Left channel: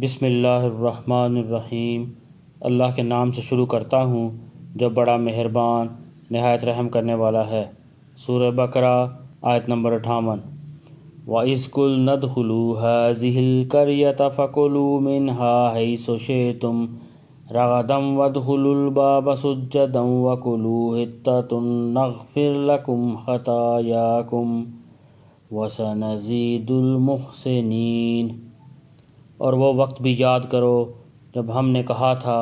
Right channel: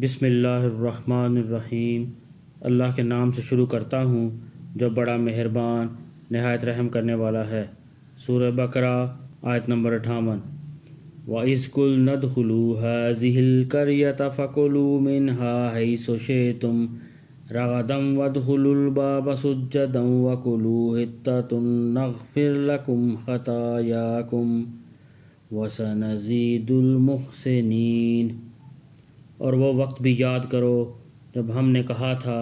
بسم اللہ الرحمن الرحیم۔ اللہ کے نام سے شروع کرتا ہوں جو بڑا مہربان نہایت رحم کرنے والا ہے۔ سورہ بقرہ آیت نمبر 58۔ وَإِذْ قُلْنَا ادْخُلُوا هَٰذِهِ الْقَرْيَةَ فَكُلُوا مِنْهَا حَيْثُ شِئْتُمْ رَغَدًا وَادْخُلُوا الْبَابَ سُجَّدًا وَقُولُوا حِطَّةٌ نَغْفِرْ لَكُمْ خَطَايَاكُمْ وَسَنَزِيدُ الْمُحْسِنِينَ۔ اور وہ وقت بھی یاد کرو جب ہم نے کہا تھا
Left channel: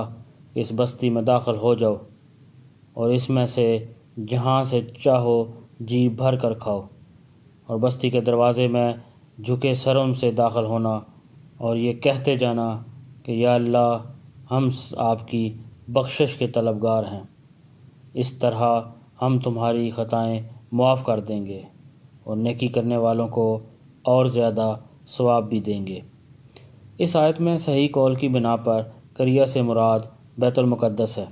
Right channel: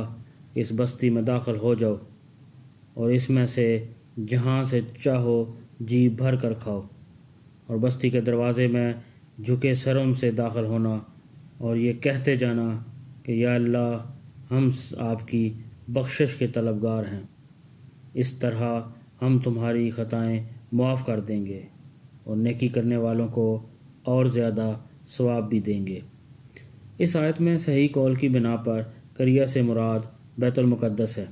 کہ اس بستی میں داخل ہو جاؤ اور اس میں سے جہاں سے چاہو جی بھر کر کھاؤ، اور بستی کے دروازے میں جھکے سروں سے داخل ہونا اور یہ کہتے جانا کہ یا اللہ ہم آپ کی بخشش کے طلبگار ہیں، اس طرح ہم تمہاری خطائیں معاف کر دیں گے اور نیکی کرنے والوں کو اور زیادہ ثواب بھی دیں گے۔ اس آیت میں صحیح قول کی بنا پر قریہ سے مراد بیت المقدس ہے۔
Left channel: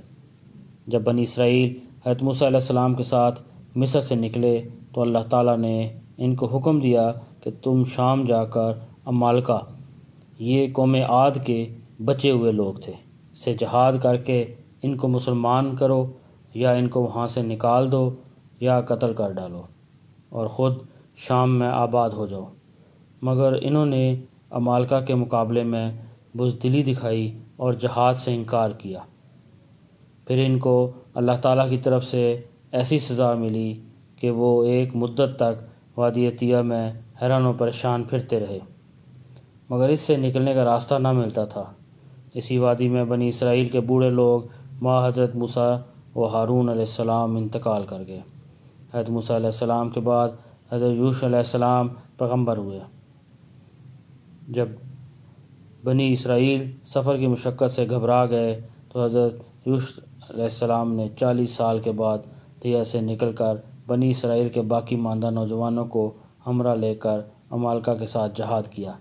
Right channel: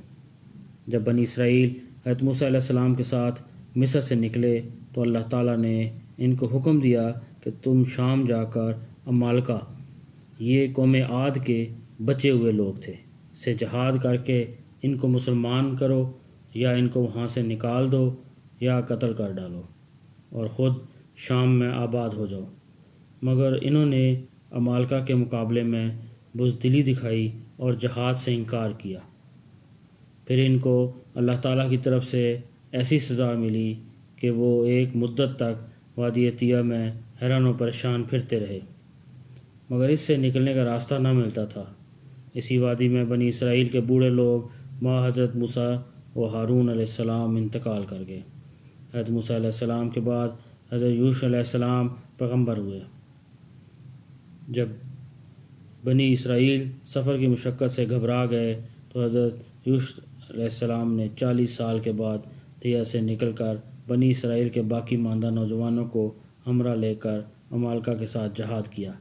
جب بنی اسرائیل حضرت موسیٰ علیہ السلام کے ساتھ مصر سے نکلے تو اللہ تعالیٰ نے ان کو حکم دیا کہ تم شام جا کر عمالقہ، یہ قوم عاد کے بچے ہوئے لوگ تھے، سے جہاد کر کے ان کو مسلمان کرو یا ان کو وہاں سے نکال دو یا قتل کر ڈالو اور خود شام میں آباد ہو جاؤ۔ مگر انہوں نے عمالقہ کے مقابلے میں بزدلی دکھائی اور جہاد سے انکار کیا۔ پھر ان کو اللہ تعالیٰ کی طرف سے ایسی سزا ملی کہ وہ ایک مدت تک وادی طیہ میں حیران و پریشان پھرتے رہے، مگر اس سے نکلنے کا راستہ نہ ملتا تھا۔ اسی وادی میں بنی اسرائیل کے بوڑھے لوگ ماں حضرت موسیٰ و ہارون علیہ السلام انتقال کر گئے۔ حضرت موسیٰ علیہ السلام کے بعد حضرت یوشع علیہ السلام پیغمبر ہوئے۔ جب بنی اسرائیل سفر کی مشقت سے گھبرا گئے تو حضرت یوشع علیہ السلام نے 40 سال کے بعد طیہ سے نکل کر بنی اسرائیل کے باقی ماندہ نوجوانوں کو ہمراہ لے کر عمالقہ کے ساتھ جہاد کیا۔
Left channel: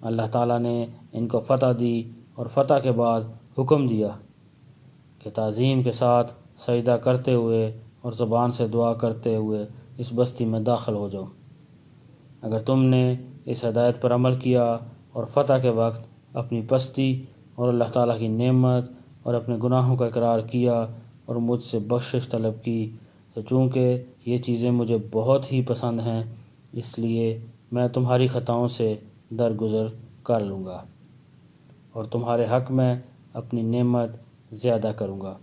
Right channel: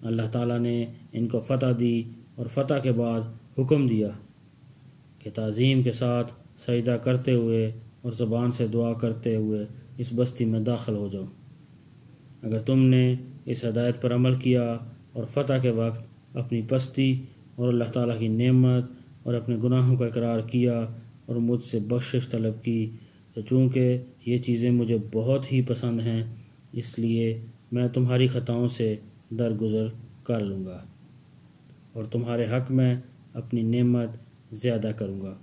اللہ تعالیٰ نے ان کو فتح دی اور فتح کے بعد حکم دیا کہ تعظیم کے ساتھ سجدہ کرتے ہوئے اور زبان سے دعا کرتے ہوئے اس بستی میں داخل ہو جاؤ۔ اگر تم نے اس ہدایت پر عمل کیا اور فتح کے وقت اپنی پستی اور اللہ تعالیٰ کی نعمت اور اپنے گناہوں کا اقرار کیا اور مجھ سے بخشش طلب کی، تو چونکہ یہ چیزیں مجھے بہت ہی پسند ہیں، اس لیے میں تمہاری خطاؤں سے درگزر کر لوں گا اور تمہارے حق میں اپنی نعمت زیادہ کروں گا۔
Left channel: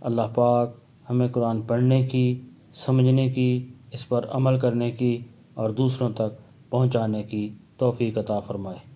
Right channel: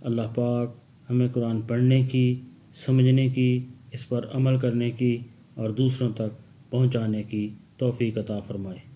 اللہ پاک ہمیں قرآن پڑھنے کی، سمجھنے کی، اس پر عمل کرنے کی اور دوسروں تک پہنچانے کی توفیق عطا فرمائے۔